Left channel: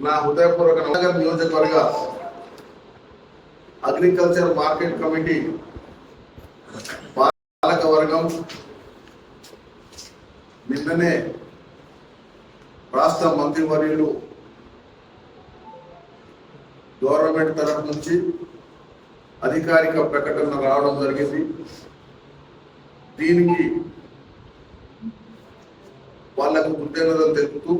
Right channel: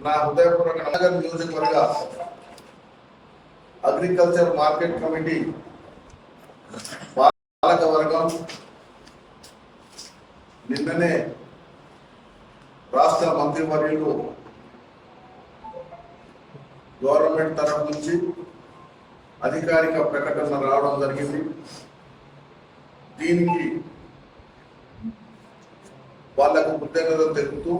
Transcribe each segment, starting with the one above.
నా హృదయపూర్వక నగర్ నియోజకవర్గ అగ్రికల్చర్ మార్కెట్ కమిటీ పాలక వర్గం నిన్ననే రాష్ట్ర మంత్రివర్యులు గవర్నమెంట్ తరఫు నుంచి అధికారిక ప్రకటన రావడం జరిగింది. దీనికి వాళ్ళకు కృతజ్ఞతలు తెలుపుతూ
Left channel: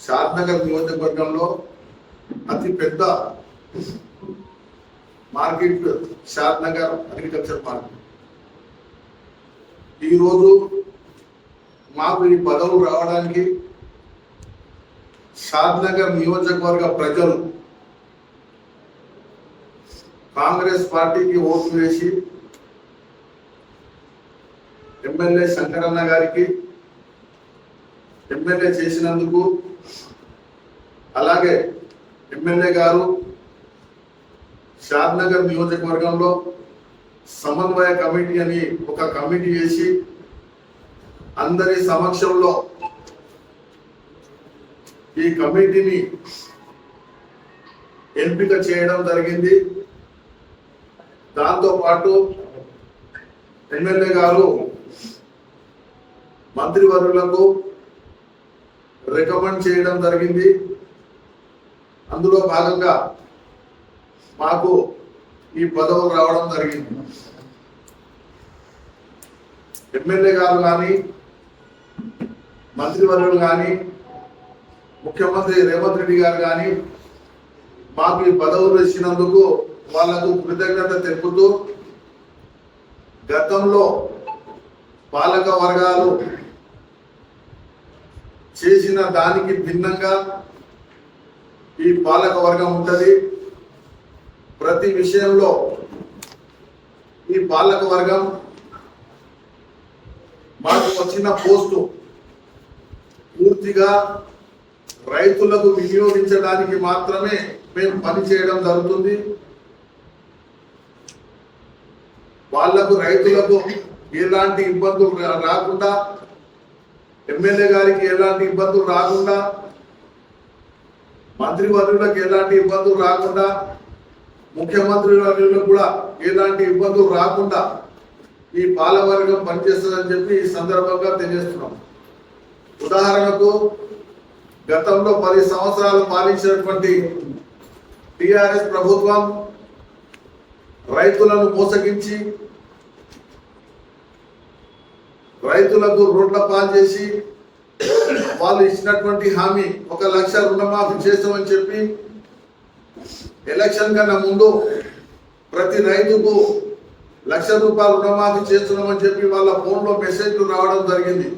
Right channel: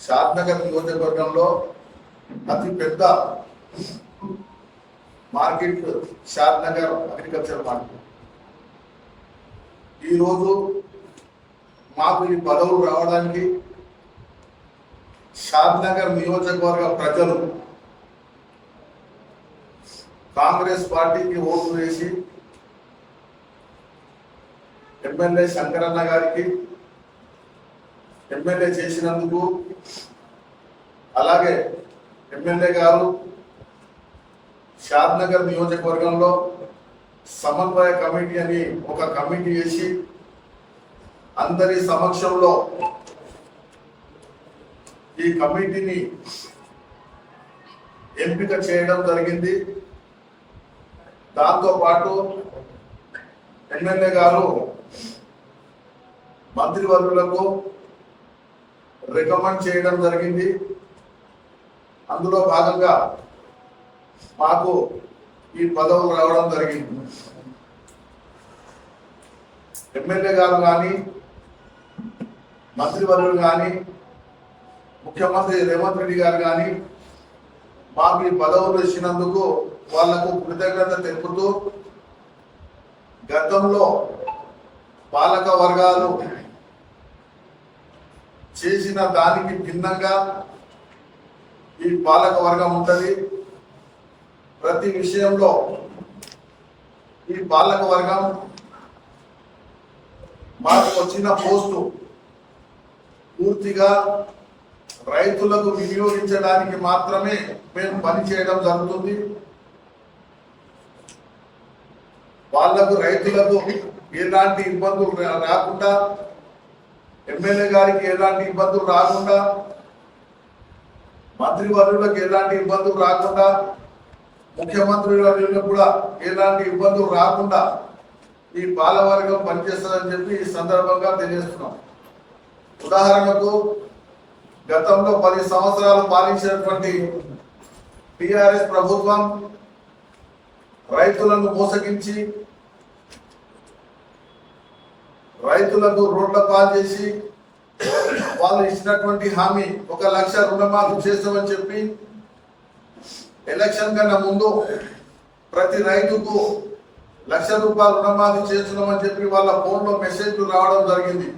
షాద్నగర్ నియోజకవర్గంలో అతి పెద్ద మార్కెట్ షాద్నగర్ అగ్రికల్చర్ మార్కెట్ ఈరోజు మాకు ఈ పదవులు రావడానికి షాద్నగర్ నియోజకవర్గ ప్రజలు కాంగ్రెస్ పార్టీకి ఓటు వేసి ఎమ్మెల్యే శంకరన్న గారికి ఎమ్మెల్యే చేసినందుకు అలాగే ఎమ్మెల్యే గారు షాద్నగర్ నియోజకవర్గంలో సమన్వయ కమిటీ అని ఒక కమిటీ వేసి అందరి సమక్షంలో ఈ కమిటీని ఎంపిక చేయడం జరిగింది. దాంతోపాటు ఎమ్మెల్యే గారు మంత్రివర్యులకు రికమెండ్ చేయడం జరిగింది. అందులో భాగంగా మాకు ఈ పదవులు రావడం జరిగింది. ఎమ్మెల్యే గారు కానీ మంత్రివర్యులు కానీ ముఖ్యమంత్రి రేవంత్ రెడ్డి గారు కానీ మాకు ఈ పదవులు ఇచ్చినందుకు వాళ్ళకు కృతజ్ఞత తెలుపుతూ గతంలో పాలక వర్గాలు చేసిన దానికి భిన్నంగా ఈ పాలక వర్గం ఉంటుంది. ప్రతి విషయంలో ఈ పాలక వర్గం మాకు వచ్చిన పోస్టు పూర్తిగా రైతులకు వినియోగించడానికి మాత్రమే మేము పని చేయడం జరుగుతుంది. వాళ్ళకు రైతులకు ఎలాంటి ఇబ్బందులు రాకుండా ఎమ్మెల్యే గారికి ఎలాంటి ఇబ్బందులు రాకుండా మంత్రి వర్యులకు ఎలాంటి ఇబ్బందులు రాకుండా ముఖ్యమంత్రి వర్యులకు కూడా ఎలాంటి ఇబ్బందులు రాకుండా ఈ పాలవర్గం పనిచేస్తుందని చెప్పి ఈ సందర్భంగా తెలియజేస్తున్నాం. ఉదాహరణకు గతంలో పది సంవత్సరాలు పాలించినటువంటి టిఆర్ఎస్ ప్రభుత్వం రైతులను మోసగించి రైతులకు రోడ్ల పాలు చేసి వాళ్ళు ఇచ్చినటువంటి హామీ ఒక లక్ష రుణమాఫీ చేస్తామని చెప్పి ఎలక్షన్ కన్నా ముందు ప్రతి రైతుకు లక్ష రూపాయలు రుణమాఫీ చేస్తున్నామని చెప్పి వాళ్ళ ఫోన్లో మెసేజ్లు రావడం జరిగింది.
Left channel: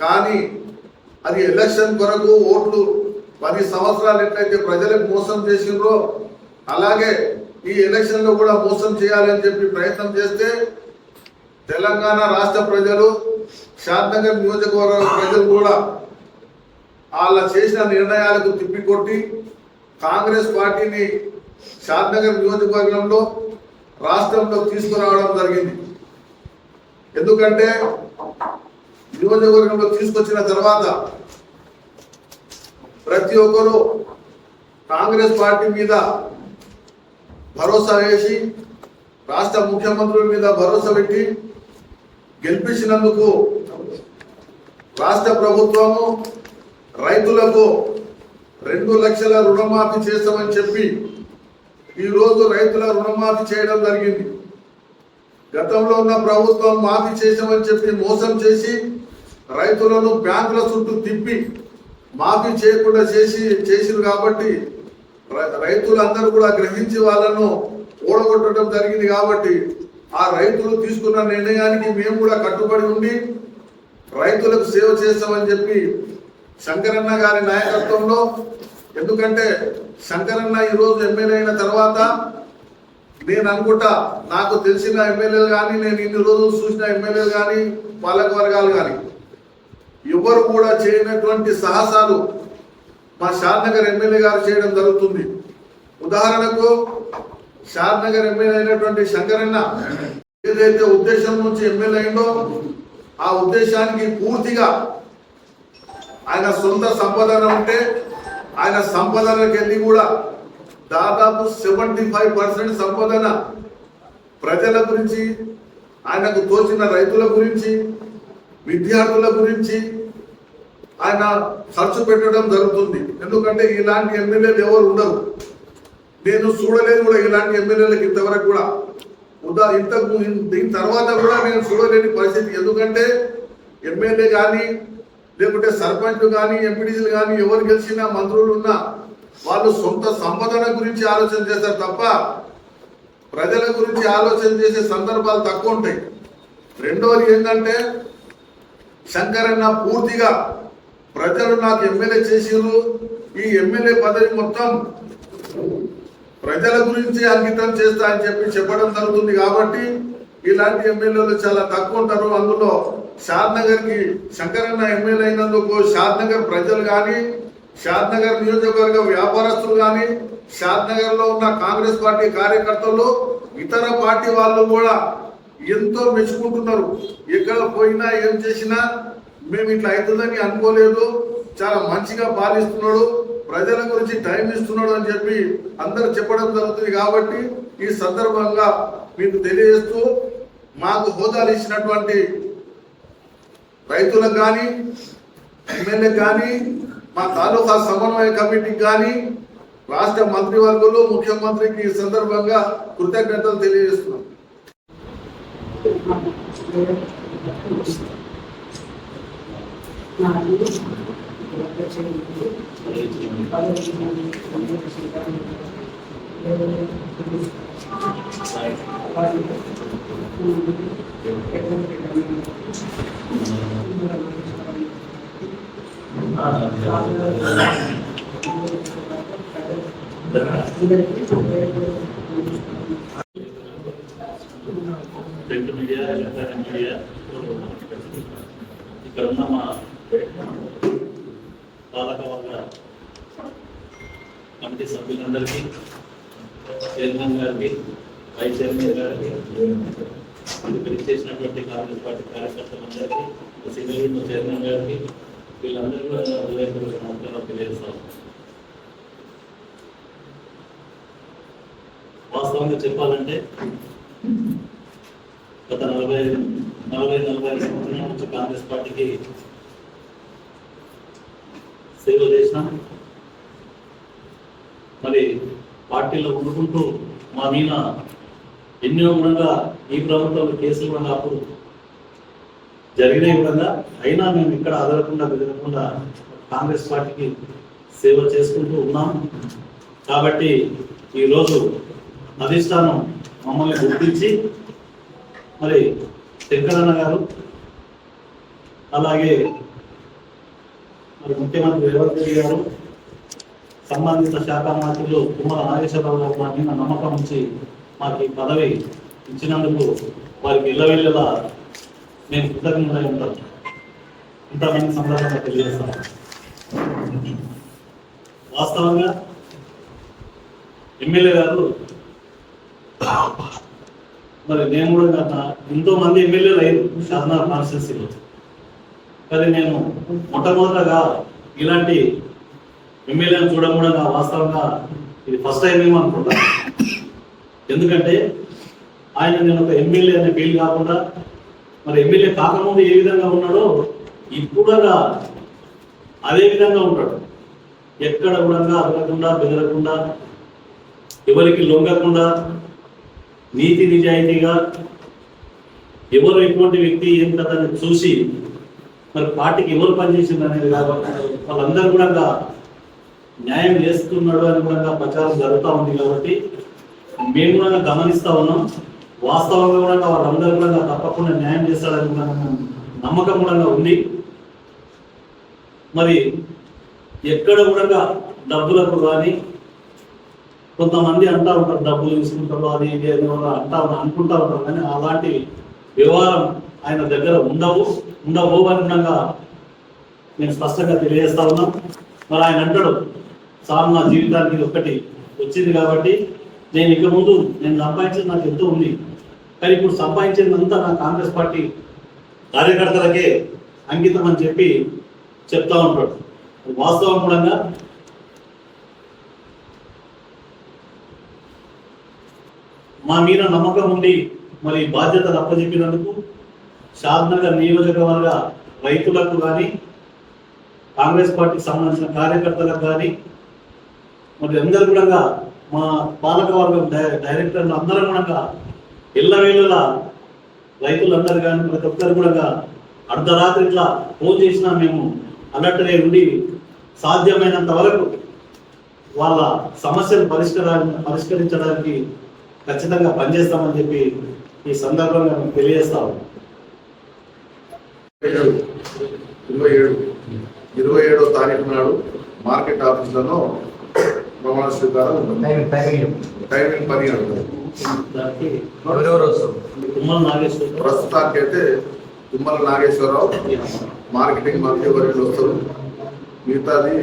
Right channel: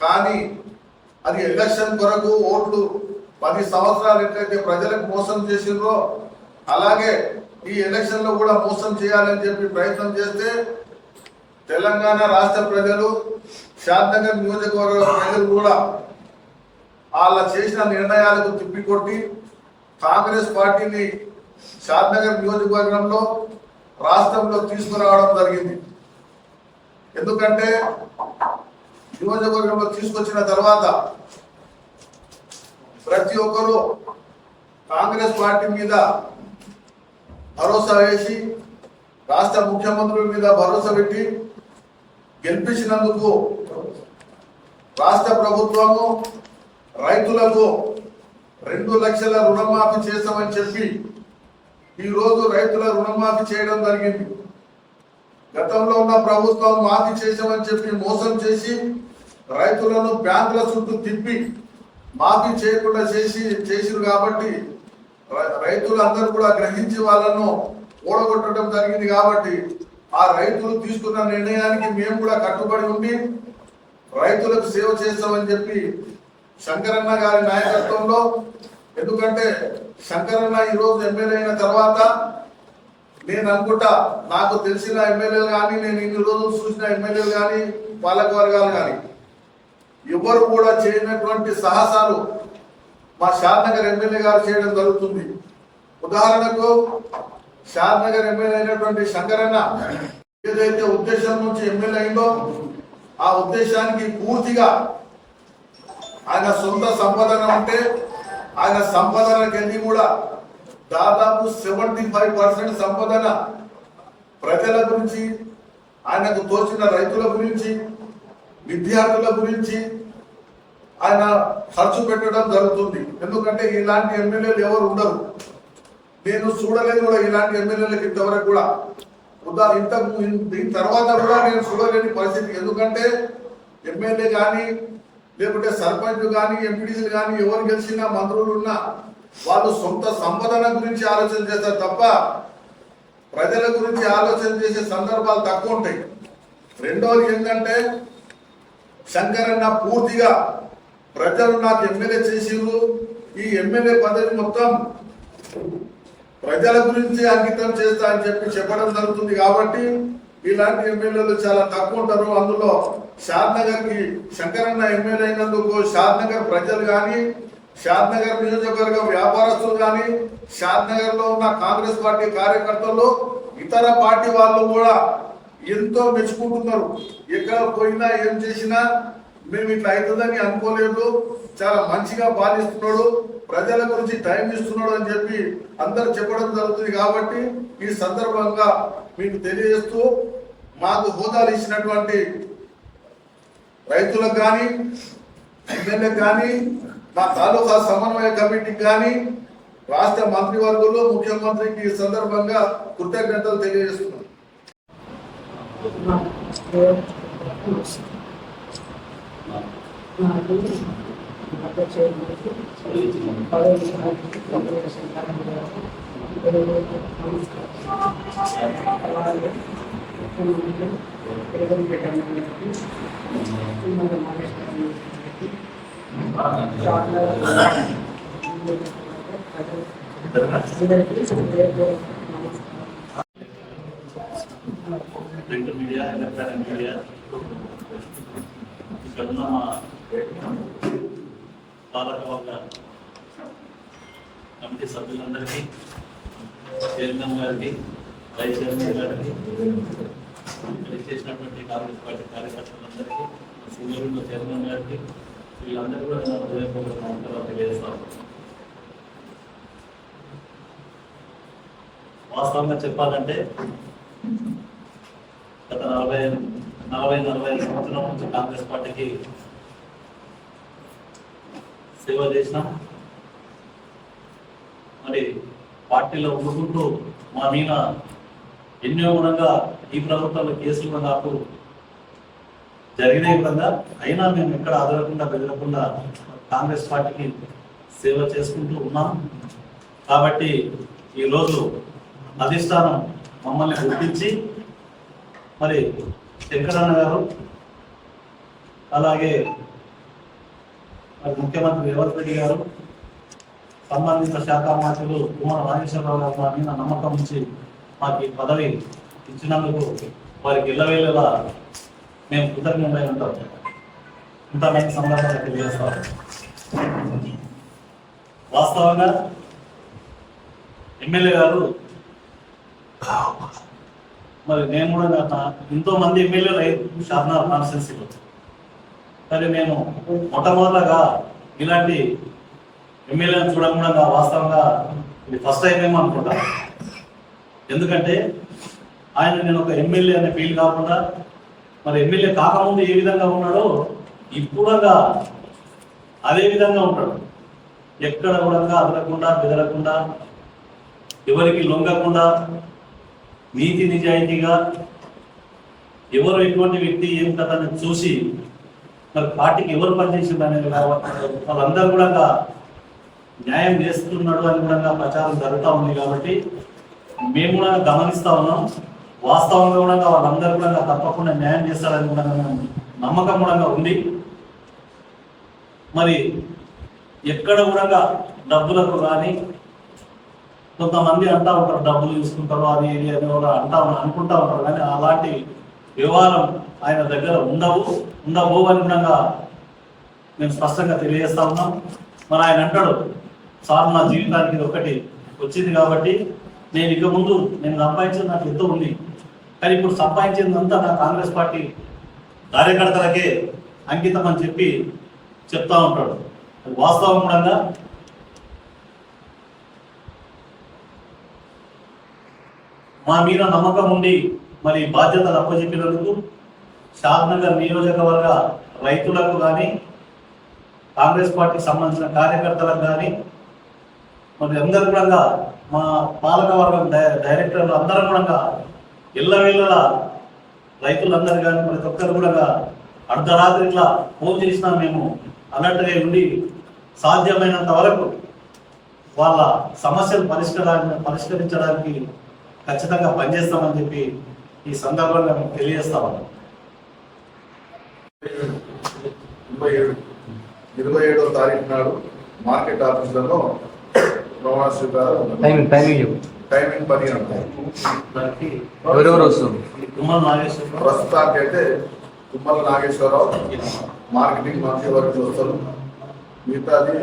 కానీ అది ఎలక్షన్ కొరకు ఓట్లు పది సంవత్సరాలు ఎట్లయితే ప్రజలకు మోసం చేసిండ్రో అలాగే ఈ ఎలక్షన్లో కూడా మోసం చేయాలని చెప్పి ప్రయత్నం చేస్తే తెలంగాణ రాష్ట్ర ప్రజలు షాద్నగర్ నియోజకవర్గ ప్రజలు కూడా వాళ్ళ చేసిన నిర్ణయాలకు తిప్పికొట్టి కాంగ్రెస్ పార్టీని షాద్నగర్ నియోజకవర్గంలో రాష్ట్రంలో తీసుకురావడం జరిగింది. ఎందుకంటే నియోజకవర్గంలో తీసుకొచ్చిన తర్వాత ప్రతి ఒక్కరూ కాంగ్రెస్ పార్టీ మీద భరోసా వేసి రాష్ట్ర ముఖ్యమంత్రుల మీద భరోసా పెట్టి గెలిపించినందుకు రాష్ట్ర ప్రభుత్వము రైతులకు రెండు లక్షల రుణమాఫీ చేస్తామని చెప్పి ఈరోజు రైతుల రుణమాఫీ చేయడం జరిగింది. గతంలో ఉన్న ప్రభుత్వం మాఫీ చేసామని చెప్పి మోసం చేసి రైతులను బ్యాంకుల చుట్టూ తిప్పి మాఫీ చేయకుండా చేసి చేసింది కాబట్టి రై- రైతులందరూ కూడా గ్రహించి వాళ్ళను ఓడగొట్టడం జరిగింది కాబట్టి ఆ రైతులు తీసుకున్న నిర్ణయానికి మేము కూడా కట్టుబడి ఉండి రైతులకు సేవ చేస్తామని చెప్పి శంకరన్న గారి నాయకత్వంలో ఎందుకంటే శంకరన్న ఈరోజు ఎమ్మెల్యే అయిన తర్వాత నేను అనుకుంటా నాకు తెలిసిన ఎమ్మెల్యేలు కానీ నేను ఇన్ని రోజులు చూసిన ఎమ్మెల్యేలు కానీ పాలక వర్గాలు కానీ ఎవరు కూడా చేయనటువంటి సాహసాలు మా షాద్నగర్ ఎమ్మెల్యే గారు చేయడం జరుగుతుంది. ఉదాహరణకు షాద్నగర్ ఎమ్మెల్యే అయినటువంటి శంకరన్న ఏదైతే ఉద్దేశం నుంచి ఎమ్మెల్యే అయిందో ఆ ఉద్దేశానికి పూర్తిగా ఆయన సొంత సంపాదన ఉంటే ఆయన సంపాదనకెళ్ళి కూడా దాదాపు సెవెంటీ ఫైవ్ పర్సెంట్ సంపాదన ప్రజల గురించి ఆయనకు తోచిన రైతుల గురించి విద్యార్థుల గురించి ఆయన ఖర్చు పెట్టడం జరుగుతుంది. ఎందుకంటే ఇలాంటి ఎమ్మెల్యేలు ఎవరు ఉండరు. నేను చూడలేదు కూడా ఇలాంటి ఎమ్మెల్యేలకు ఇంతవరకు కూడా. ఉదా ఇంతకు దీని తర్వాత కూడా నేను చూడలేని పరిస్థితి. ఎందుకంటే ఎమ్మెల్యే కానీ లేకుంటే సర్పంచ్ కానీ ఎంపీడీసీలు కానీ ఎవరు గెలిచినా మంత్రులు ఉన్నా వాళ్ళు సొంత సంపదన గురించి ఆలోచన చేస్తారు తప్ప ప్రజల గురించి ఆలోచన చేసే సందర్భాలు తక్కువ ఉంటాయి. రెండవది ఏంటంటే శంకరన్న పూర్తిగా ప్రజలు నాకు ఎమ్మెల్యే చేసిరు ఈ ఎమ్మెల్యే పదవి మొత్తం ప్రజల గురించి అంకితం చేస్తా అని చెప్పి చెప్పడం జరుగుతుంది కాబట్టి ఇలాంటి ఎమ్మెల్యేలు చాలా తక్కువ ఉంటారు. అందులో షాద్కి శంకరన్న ఎమ్మెల్యే అయినందుకు షాద్నగర్ ప్రజలు కానీ షాద్నగర్ నియోజకవర్గ వ్యాపారస్తులు కానీ షాద్నగర్లో లో ఉన్న కాంగ్రెస్ పార్టీ కార్యకర్తలు ఇతర పార్టీ వాళ్ళు కూడా ఎంతో మెచ్చుకుంటున్నారు. ఎక్కడ పోయినా ఏం చేసినా మేము ఇట్లా అవుతుందని అనుకోలేదు. చాలా మంచిగా పాలిస్తున్నాడు. ప్రజల గురించి టైం ఇస్తున్నాడు అని చెప్పి అందరు చెప్పడం జరుగుతుంది కాబట్టి ఈ సందర్భంగా మీకు తెలియజేస్తూ మాకు హోదాలు ఇచ్చినటువంటి రైతులకు కానీ ఎమ్మెల్యేకి కానీ మా తాలూకా సమన్వయ కమిటీకి కానీ రాష్ట్ర మంత్రివర్గంలో ముఖ్యమంత్రికి ఈ సందర్భంగా కృతజ్ఞతలు తెలియజేస్తున్నాం. నాలుగు రద్ద చేయలేదు పదవి అలాగే ఎటువంటి పెట్టండి మన అందరికీ పేరు నమస్కారం ప్రింట్ మీడియా ఎలక్ట్రానిక్ మీడియా ఇక్కడ ఉన్న మా పాలకవర్గ కమిటీ సభ్యులందరికీ చైర్మన్ గారికి వైస్ చైర్మన్ గారికి ఇక్కడ కాంగ్రెస్ పార్టీ కార్యకర్తలందరికీ సింగిల్ విండో చైర్మన్ గారికి వీళ్ళందరూ కూడా నా హృదయపూర్వక నమస్కారం తెలియజేస్తాం వాస్తవంగా చెప్పాలంటే గత నలభై నలభై నలభై ఐదు సంవత్సరం నుంచి కాంగ్రెస్ పార్టీకి సేవ చేసిన మరి పార్టీలో ఉండుకుంటూ మా మీద ఎన్నో గుణంగా ఈ ప్రభుత్వంలో కేసులు కూడా అప్పుడు జరిగినాయి కూడా. అయినా మేము ఎక్కడ అదలకుండా వెళ్ళకుండా కాంగ్రెస్ పార్టీకి సేవ చేసుకుంటూ ఉన్నాం. కాబట్టి ఈరోజు అధిష్టానం మమ్మల్ని గుర్తించి మరి శంకరన్న గారు అలాగే మరి ముఖ్యమంత్రి రేవంత్ రెడ్డి గారు సంబంధిత శాఖ మంత్రులు కుమార నాగేశ్వరరావు గారు మా మీద నమ్మకం ఉంచి మాకు ఈ పదవి ఇచ్చినందుకు వారికి ఇళ్ళవేళ్ళలా మేము కృతజ్ఞులై ఉంటాం. ఇంతమంది సందర్భంగా తెలియజేస్తాం వాస్తవంగా ఎమ్మెల్యే గారు మరి నేను కూడా గత ఎంతో మంది ఎమ్మెల్యేలు అయ్యారు షాద్నార్ కాన్స్టిట్యున్సీలో. కానీ నేను మొట్టమొదటగా ఇలాంటి ఎమ్మెల్యేని చూడడం కూడా వాస్తవంగా ఇది ఫస్ట్ టైం ఏమో అనుకుంటాను ఎందుకంటే ఆయన నేను ఒక ఎమ్మెల్యే అనే ఫీల్ కాకుండా మరి ఎమ్మెల్యే కాకముందు ఏ విధంగా ఉన్నాడో ఇప్పుడగా అదే విధంగా ఉంటాడు. ఎక్కడ కూడా అదలకుండా బెదరకుండా ఎవరికి లొంగకుండా నీతి నిజాయితీగా ఎవరు ఎటువంటి వ్యక్తి ఏం కథ చూసి మరి పార్టీకి ఎవరు పనిచేసింది అనేది కాబట్టి వాళ్ళందరూ కూడా న్యాయం చేస్తున్నాడు అని కూడా ప్రచారం జరుగుతూ ఉంది కాబట్టి మేము కూడా గమనిస్తూ ఉన్నాం. వాస్తవంగా కూడా వాళ్ళందరూ కూడా తప్పకుండా న్యాయం చేస్తాడని కూడా నమ్మకం కూడా ఉంది. మరి ఎక్కడ కూడా డబ్బులకు కానీ కొంతమంది అంటా ఉంటారు డబ్బులు తీసుకుంటారు అది ఇది అని కూడా అంటా అనుకుంటా ఉంటారు. కానీ అలాంటి వ్యవహారం ఆయన దగ్గర ఉండవు ఉండవు అని మేము స్పష్టంగా తెలియజేస్తా ఉన్నాం. మరి ఆయన అంటాడు సార్ నా జీవితానికి ఇది ఒక్కటి వచ్చింది కాబట్టి నేను ఇక ముందు నేను సంపాదించేది నాకు ఎంతో ఉంది. కానీ ఇప్పుడు సంపాదించిందంతా నా కాంగ్రెస్ పార్టీ కార్యకర్తలకే అంకితం అని చెప్పి చెప్తా ఉంటాడు. వాస్తవం మా మీద నమ్మకం ఉండి మరి బాధ్యతలు అప్పచెప్పినందుకు షాద్నగర్ నియోజకవర్గ రైతులకు కానీ కాంగ్రెస్ పార్టీకి సంబంధించిన కార్యకర్తలకు కానీ మరి అందరు కూడా మా పాలక వర్గం డై- డైరెక్టర్లు అందరం కూడా ఇళ్ళవేళలా రైతులందరూ కానీ ప్రతి ఒక్కరు కూడా అర్ధరాత్రి ఇట్లా ఫోన్ చేసినా మేము అలర్ట్గా ఉండి సాధ్యమైనంత వరకు వాళ్ళ సమస్యలు పరిష్కరా పరిష్కరించడానికి ఖచ్చితంగా పనిచేస్తామని చెప్పి ఈ సందర్భంగా మేము తెలియజేస్తాము ఉన్నాం. ఇరవై ఏడు ఇరవై ఏడో తారీఖు నాడు మార్కెట్ ఆఫీసులలో ప్రమాణ స్వీకారం ఉన్నది. టైమింగ్ టైమింగ్ పది గంటలు ప్రస్తుతానికి అయితే తుమ్మల నాగేశ్వరరావు. మార్కెటింగ్ మంత్రి వర్యులు వస్తారు. మిగతాది